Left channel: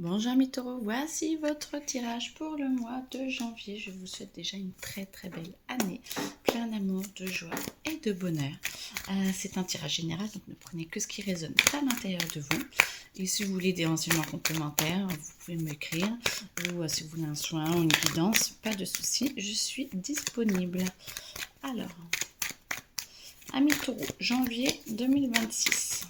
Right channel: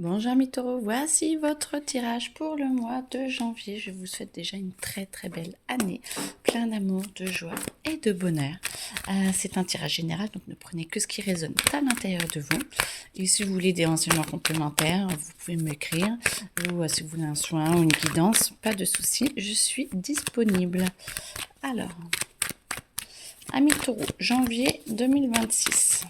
Bonjour mes taureaux, voici votre tirage pour le mois de janvier. Je vous souhaite déjà une très très belle année, plein d'amour, de joie et de bonheur. C'est un tirage général, donc ne prenez que ce qui résonne à l'intérieur de vous. Et si vous voulez des renseignements complémentaires, vous pouvez m'écrire. Ou si vous voulez un soin ou une guidance, pas de souci, je suis disponible. Alors, amis taureaux, janvier 2026.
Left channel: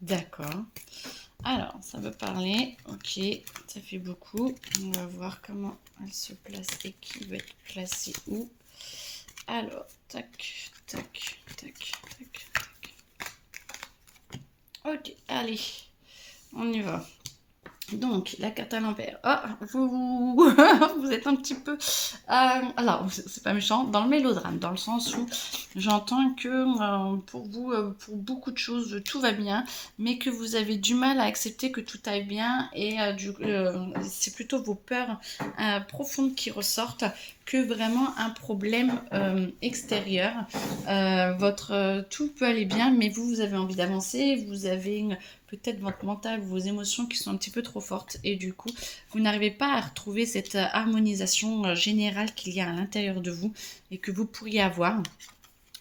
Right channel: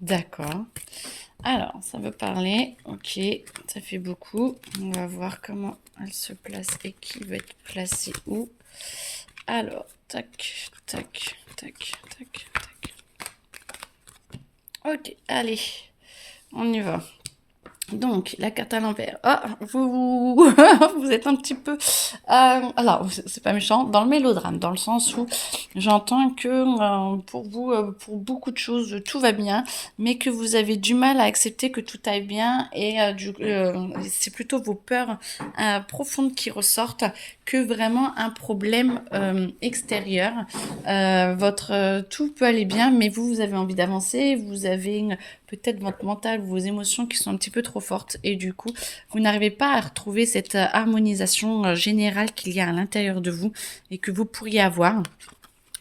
D'accord. Alors, ça veut parler. Ok, ça fait beaucoup. On va voir comment elle se place et qui va être placé où. Alors, tac, tac, tac, tac, tac. Ok, allez, on y va. Donc, la carte à l'envers. Ah, vous, vous êtes un petit peu... alors, c'est pas méchant, dans le mélodrame, dans le sens où j'entends que pour vous, pour beaucoup de choses, tout va bien, mais que vous avez du mal à accepter que tout aille bien, et c'est plutôt vos peurs profondes qui ressortent que vraiment un problème extérieur. Tout peut aller bien, mais vous avez envie d'avancer, vous avez peut-être votre mental, vos émotions qui sont un petit peu trop fortes, et du coup, vous n'arrivez pas à retrouver cette harmonisation générale qu'il y a à l'intérieur de vous et que vous pourriez avoir.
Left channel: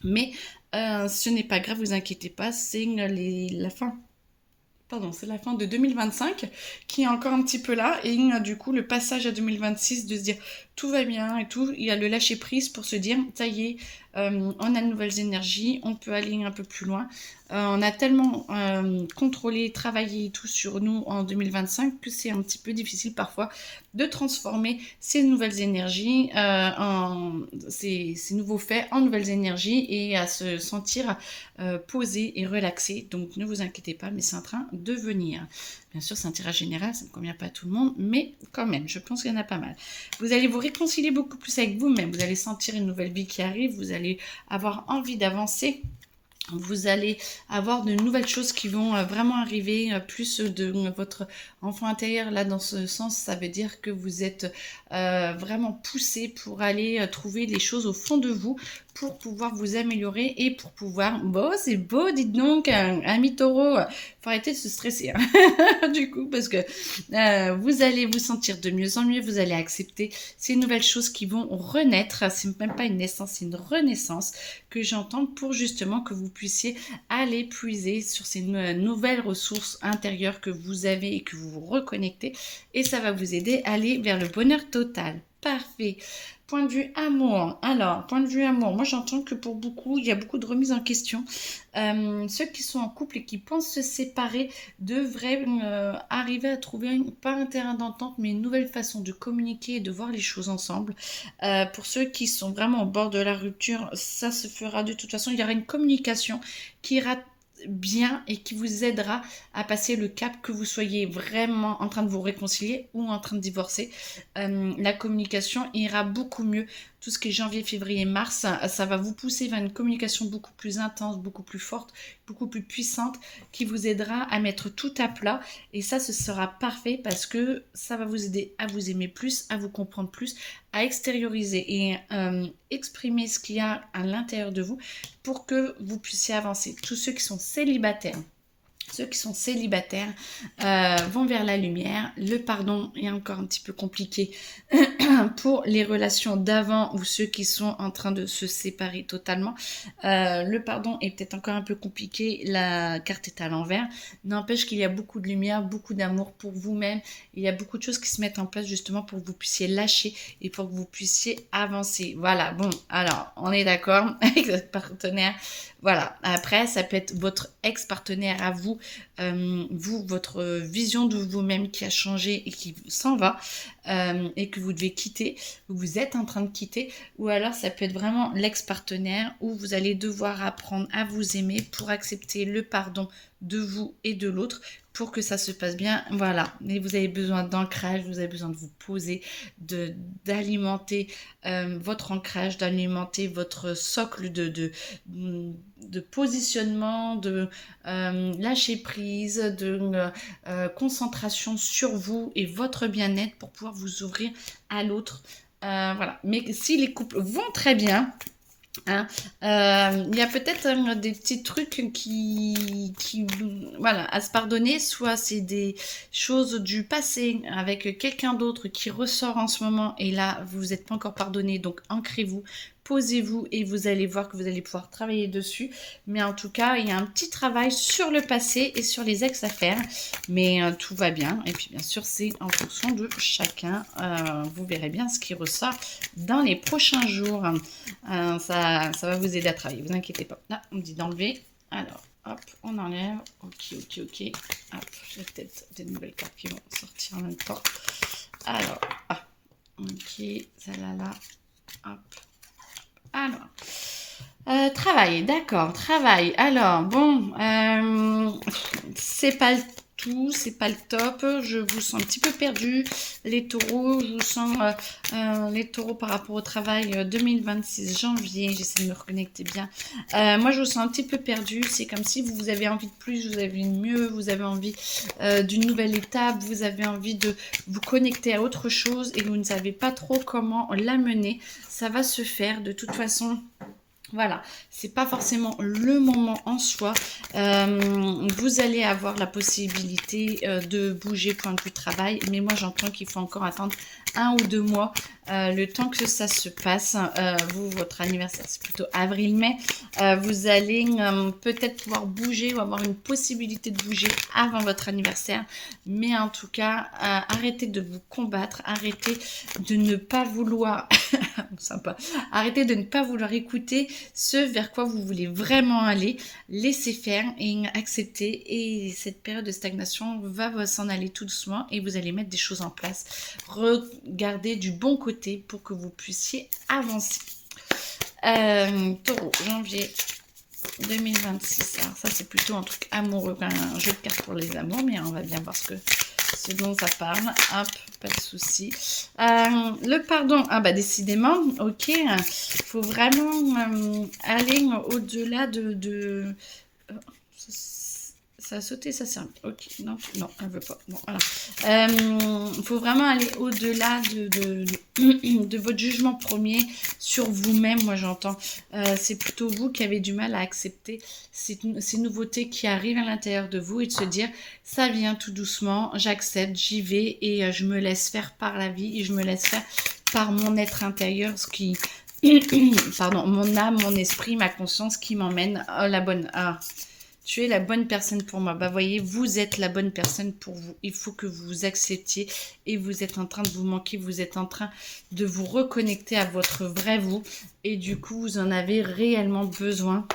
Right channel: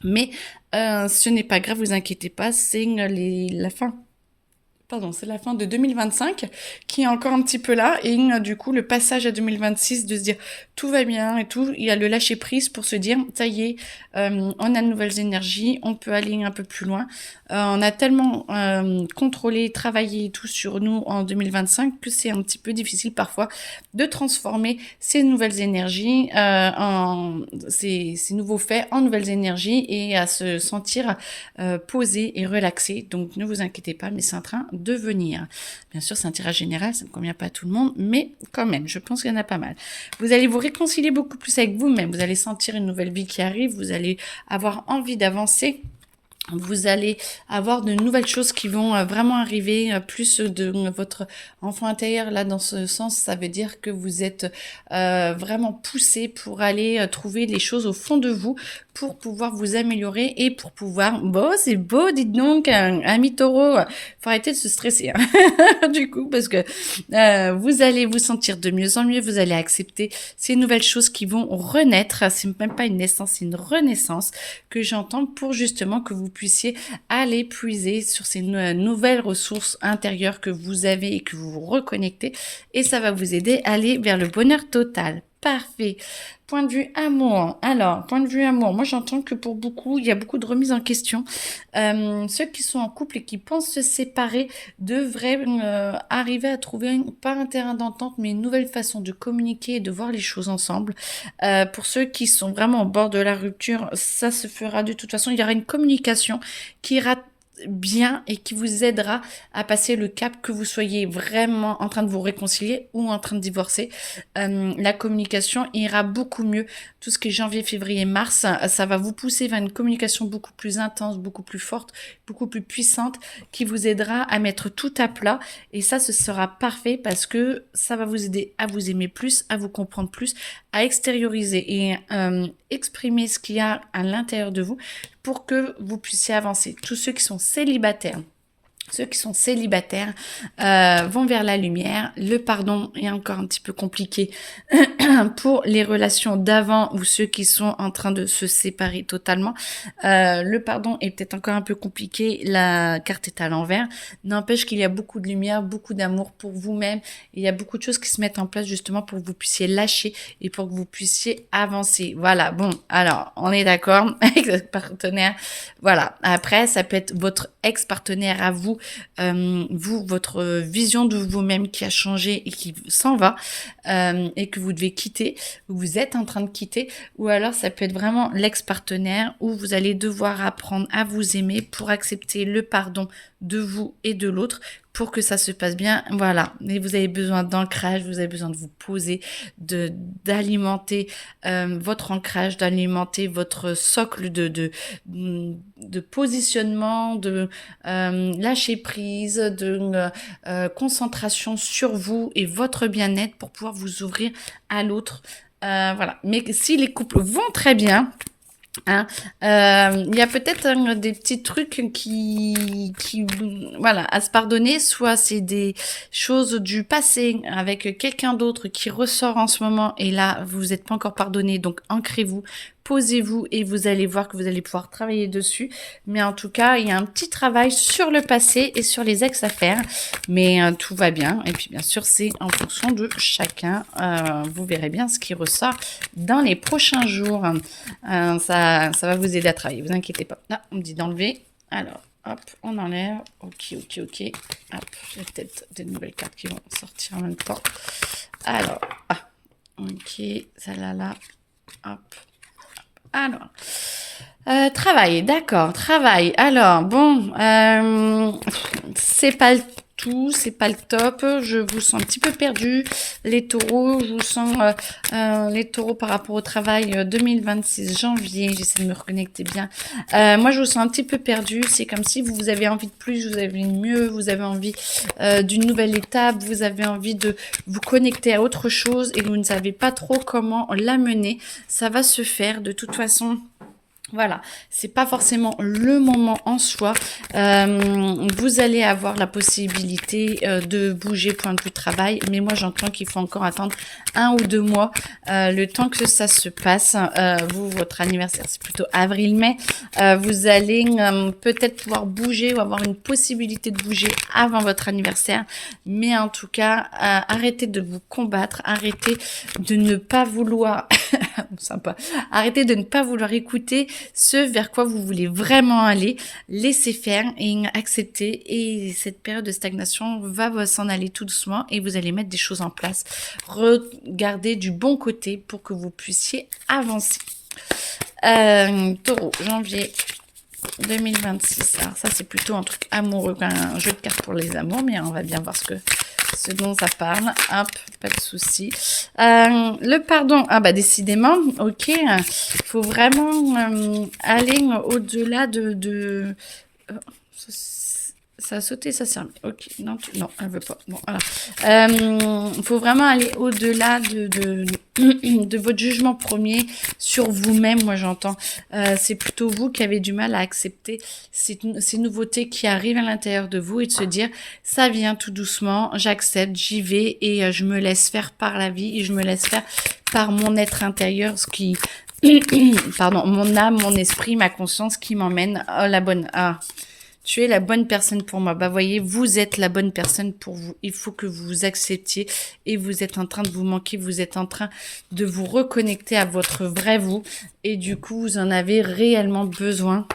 Mais ce n'est pas grave, vous inquiétez pas, c'est la fin. Pardon, c'est la fin de 2025 qui est encore un petit peu là, et du coup le passage à 2026 de se dire tout va bien et tout, il y a le lâcher prise pour se dire ça y est, on a de nouvelles énergies, on peut aller un peu plus loin. On a tellement contrôlé, travaillé tout sur nous en 2025 que c'est un petit peu difficile parfois de transformer ces nouvelles énergies, ces nouveaux faits en nouvelles énergies, et à se sentir posé et relaxé. Donc ne vous inquiétez pas, mais c'est en train de venir. Bien sûr, c'est un tirage général, ça ne convient pas à tout le monde, mais quand même, je pense qu'il y en a pas mal. Vous allez vous réconcilier beaucoup plus avec vous-même, vous allez sentir une nouvelle vie qui arrive, vous allez avoir envie d'avancer. Vous allez avoir de nouvelles choses qui vont vraiment arriver, plus de votre enfant intérieur. Là, dans ce sens, ça veut dire que vous êtes vraiment poussé pour aller trouver les choses au fond de vous, pour pouvoir vous améliorer et pour pouvoir... Bon, c'est beau, dites donc, ami taureau, faut arrêter de se stresser, hein. Du coup, parce que vous allez vous sentir de mieux en mieux, vous allez accepter ces nouvelles choses qui vont renaître. C'est même pas une naissance, c'est une renaissance que j'entends, pour justement que vous puissiez aller puiser sur ces nouvelles ressources intérieures que vous avez et que vous vous reconnectez, et ça va vous aider à aller vers le bonheur total. Parfait. Point de vue amour. Alors, point de vue amour, moi j'entends que pour beaucoup, il y a beaucoup de remises en question. Ceux qui sont en couple et qui pensent se séparer devraient arriver à trouver pas un terrain d'entente, mais une nouvelle façon de communiquer et de voir les choses ensemble. Pour ceux qui sont vraiment au bord de la rupture, ça se fera de toute façon. Il y aura une communication qui ira bien et qui vous aidera à passer le cap, que vous soyez vraiment en train de vous réconcilier ou en train de divorcer. La communication ira beaucoup mieux. Tout ce qui est janvier, février, mars, ça va vous pousser vers une communication beaucoup plus intense, beaucoup plus forte, beaucoup plus puissante, qui vous aidera à mettre tout à plat. Et ça, ce sera parfait, parce que ça va vous aider à vous aimer plus, à vous comprendre plus, à extérioriser et exprimer ce qu'il y a à l'intérieur de vous, pour que vous puissiez avancer. Tous ceux qui sont célibataires, vont vers la lumière. Le pardon est encore un petit peu compliqué pour les relations d'avant ou ceux qui sont en train de se séparer totalement. Le pardon est peut-être encore un peu compliqué, la carte est à l'envers. N'empêche qu'il y a beaucoup de lumière, beaucoup d'amour pour vous-même. Il y a beaucoup de choses qui se mettent en place justement pour que vous puissiez lâcher et pour que vous puissiez avancer. Voilà, bon, alors on est d'accord avec votre partenaire. Voilà, après ça peut être votre ex-partenaire à vous, votre vision de vous-même qui a changé et qui s'en va, et que vous devez quitter, ou vous êtes en train de quitter, ou alors ça peut être vraiment l'ex-partenaire où vous allez devoir apprendre à vous aimer pour accepter le pardon de vous et de l'autre, pour que ça se passe bien. Voilà, et vous avez besoin d'ancrage, vous avez besoin de vous poser, d'alimenter votre ancrage, d'alimenter votre socle de positionnement, de lâcher prise, de concentration sur vous et votre bien-être, pour pouvoir vous ouvrir à l'autre. Voilà. Mais si les couples vont très bien, il y a peut-être des petits trucs qui voilà, à se pardonner, soit c'est des choses du passé avec quelqu'un d'autre qui ressort en ce moment et là, vous n'êtes pas encore pardonné, donc ancrez-vous, posez-vous et vous allez voir que vous allez pouvoir travailler dessus. Mais en tout cas, il y a un petit travail sur le passé et sur les ex à faire, mais tout va bien. Et puis bien sûr, c'est en fonction de chacun. Vous verrez bien ce qui ressort dans les prochains jours. Ça va vous aider à travailler, vous inquiétez pas. Là, on me dit d'enlever. Alors, hop, on enlève. Ok. Hop, il y a peut-être des nouvelles cartes qui vont sortir en même temps. Alors, ok, celle-là, hop. Alors, travail, d'accord, travail. Alors, bon, c'est pas le tout, c'est pas le top. Je vous sens un petit peu perdu, les taureaux. Je vous sens les taureaux par rapport au travail 2026 janvier. J'essaie de me reconnecter bien. Moi, je vous sens un petit peu perdu. C'est comme si vous avez envie de plus, vous avez envie de mieux, vous avez envie d'une nouvelle étape, vous avez envie de vous connecter à autre chose et vous ne savez pas trop comment l'amener. Ça va se faire de toute façon. Voilà, c'est pas forcément le moment en soi. Vous allez avoir la possibilité de bouger point de vue travail, mais moi j'entends qu'il faut encore attendre 1 ou 2 mois, le temps que ça se passe. Vous, votre anniversaire, c'est plutôt avril-mai. Vous allez peut-être pouvoir bouger ou avoir une possibilité de bouger avant votre anniversaire, mais en tout cas, arrêtez de vous combattre, arrêtez de ne pas vouloir, sympa, arrêtez de ne pas vouloir écouter ce vers quoi vous voulez vraiment aller, laissez faire et accepter. Et cette période de stagnation va s'en aller tout doucement et vous allez mettre des choses en place. Regardez du bon côté pour que vous puissiez avancer. Taureau, janvier 2026. Alors ça, c'est plutôt un truc amoureux, un jeu de cartes pour les amours, mais on va bien voir ce dont ça parle. Hop, pas de souci. Le pardon, décidément, ok. Il faut vraiment aller au-delà de ça a sauté, ça s'est remis. Ok, non, elle veut pas. Bon, voilà. Il faut vraiment aller au-delà de votre jugement premier sur vous-même, moi j'entends. C'est plutôt vous qui avez du mal à accepter ces nouveautés qui arrivent à l'intérieur de vous et de se dire, ça vient tout doucement, j'accepte, j'y vais et je me laisse faire par la vie et je me laisse faire par mon être intérieur, ce qui... Pardon, mon âme, mon esprit, ma conscience qui m'emmène à la bonne... Tu es la bonne personne pour moi. Voyez, vous êtes la bonne personne pour vous. Il faut que vous vous acceptiez et vous êtes en train de vous manquer. Vous êtes en train de vous reconnecter à votre vrai vous. Et du coup, vous en avez réellement besoin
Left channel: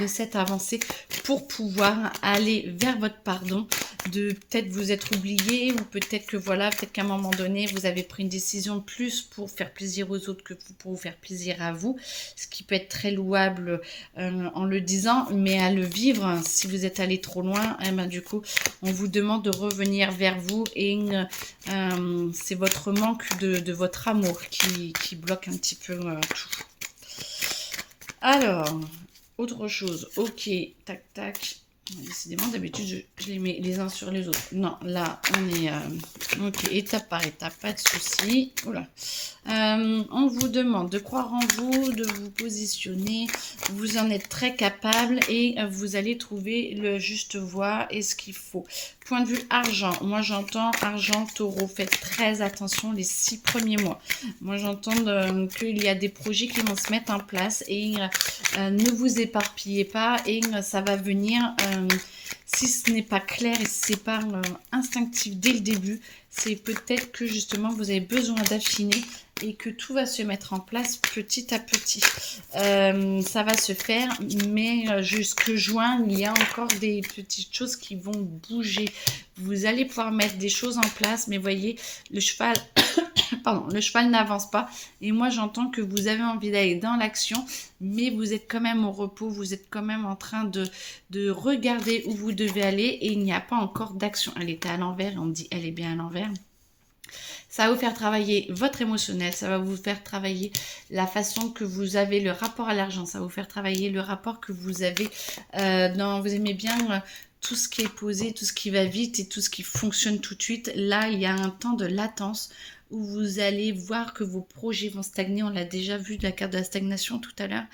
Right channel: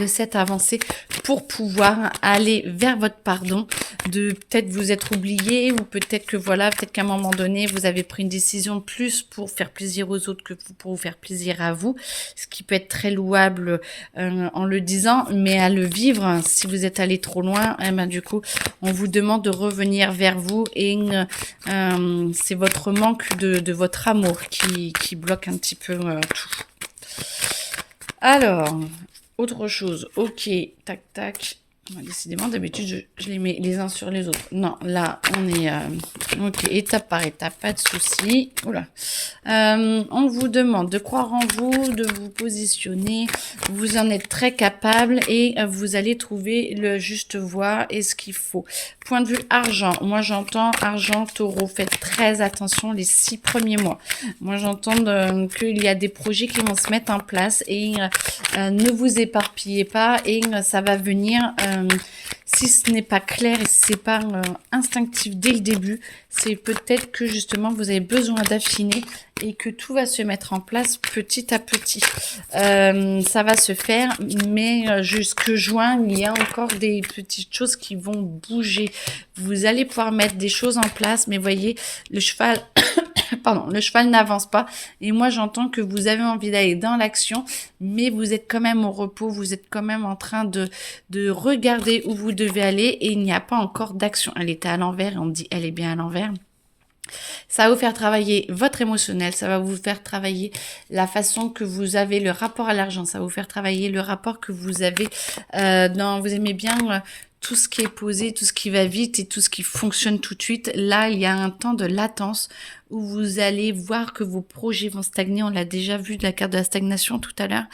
de cette avancée pour pouvoir aller vers votre pardon, de peut-être vous être oublié ou peut-être que voilà, peut-être qu'à un moment donné, vous avez pris une décision plus pour faire plaisir aux autres que pour vous faire plaisir à vous, ce qui peut être très louable en le disant, mais à le vivre, si vous êtes allé trop loin, du coup, on vous demande de revenir vers vous et c'est votre manque de votre amour qui bloque un petit peu tout. Alors... Autre chose, ok, tac. Décidément, d'habitude, je les mets les uns sur les autres. Non, là, on est... ok, étape par étape, pas de souci. Oula. On vous demande de croire en vous, de vous positionner. Vous en êtes très capable et vous allez trouver le juste voie et ce qu'il faut. Point de vue argent. Moi, j'entends argent, taureau. Faites très attention les 6 premiers mois. Moi, j'entends qu'il y a des projets qui vont se mettre en place et ne vous éparpillez pas et ça va venir... si ce n'est pas clair et si c'est pas instinctif dès le début, c'est peut-être que justement vous avez besoin d'affiner et que tout va se mettre en place petit à petit. Ça va se faire, mais jusque juin, il y a encore des petites choses qui vont bouger. Vous allez pouvoir mettre des choses en place, mais voyez, le cheval... Pardon, le cheval n'avance pas et moi j'entends que vous avez envie d'aller dans l'action mais vous êtes quand même au repos, vous êtes quand même en train de regarder où vous devez aller et il n'y a pas encore d'action. Elle était à l'envers et on dit elle est bien à l'envers. Ça va vous faire travailler votre émotionnel, ça va vous faire travailler la façon que vous avez le rapport à l'argent, ça va vous faire travailler le rapport que vous avez vous aimez bien tout ce qui est posé, tout ce qui va vite et tout ce qui fonctionne tout de suite. Là, il y a un temps de latence où vous allez voir que vos projets vont stagner. On l'a déjà vu de la carte de la stagnation tout à l'heure.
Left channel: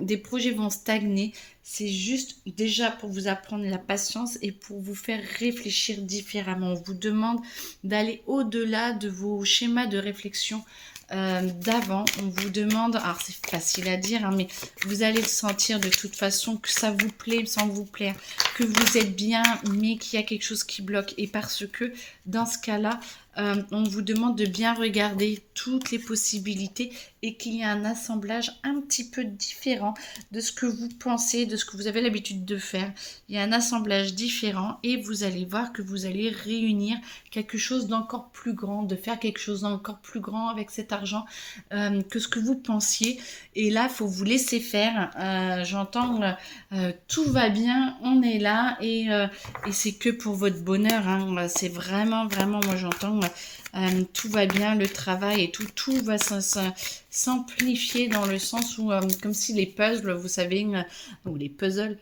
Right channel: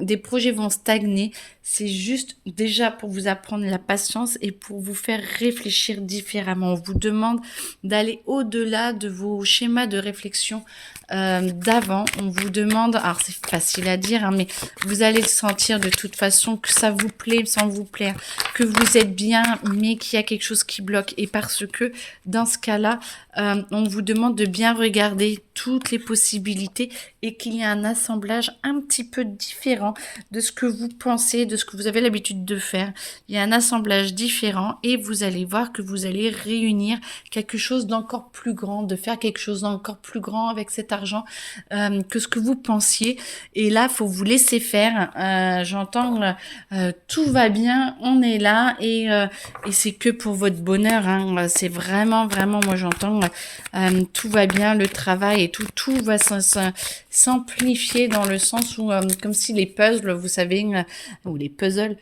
Des projets vont stagner. c'est juste déjà pour vous apprendre la patience et pour vous faire réfléchir différemment. On vous demande d'aller au-delà de vos schémas de réflexion d'avant. On vous demande, alors c'est facile à dire, hein, mais vous allez le sentir de toute façon que ça vous plaît sans vous plaire, que vous êtes bien, mais qu'il y a quelque chose qui bloque. Et parce que dans ce cas-là, on vous demande de bien regarder toutes les possibilités et qu'il y a un assemblage un petit peu différent de ce que vous pensez, de ce que vous avez l'habitude de faire. Il y a un assemblage différent et vous allez voir que vous allez réunir quelque chose d'encore plus grand, de faire quelque chose d'encore plus grand avec cet argent que ce que vous pensiez. Et là, faut vous laisser faire. J'entends tout va bien, on est là et c'est que pour votre bonheur. Hein. C'est vraiment, vraiment, moi j'entends tout va bien, le travail et tout va s'amplifier dans le sens où, comme si les puzzles, vous savez, ou les puzzles,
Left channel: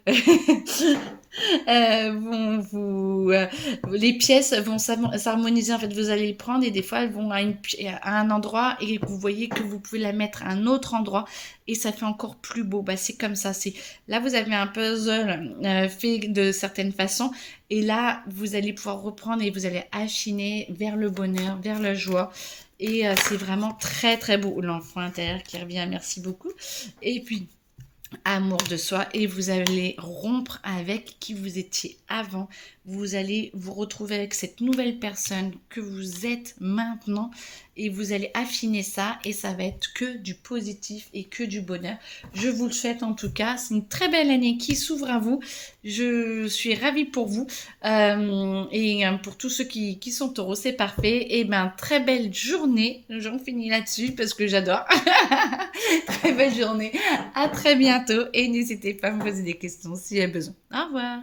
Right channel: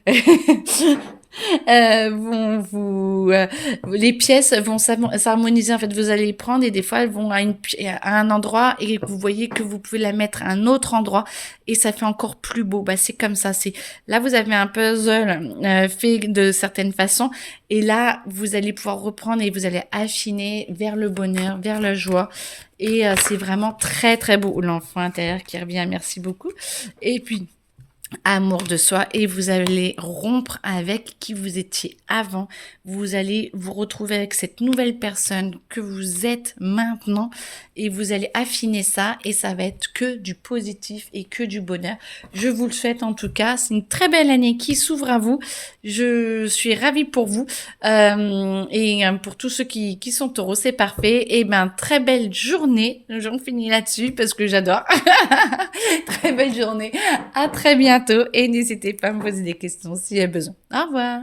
les pièces vont s'harmoniser. En fait, vous allez les prendre et des fois, elles vont à un endroit et vous voyez que vous pouvez la mettre à un autre endroit et ça fait encore plus beau. Bah, c'est comme ça. Là, vous avez un puzzle fait de certaines façons et là, vous allez pouvoir reprendre et vous allez affiner vers le bonheur, vers la joie. Et c'est vraiment très, très beau. L'enfant intérieur qui revient, merci beaucoup. Et puis, amour de soi et vous allez rompre avec qui vous étiez avant. Vous allez vous retrouver avec cette nouvelle personne que vous êtes maintenant et vous allez affiner ça et ça va être que du positif et que du bonheur. Je vous le souhaite en tout cas. C'est une très belle année qui s'ouvre à vous. Je suis ravie pour vous et pour tous ceux qui sont taureaux, c'est parfait. Et ben très belle journée. J'en finis là-dessus parce que j'adore. Très belle journée. À très bientôt et n'hésitez pas à me poser des questions s'il y a besoin. Au revoir.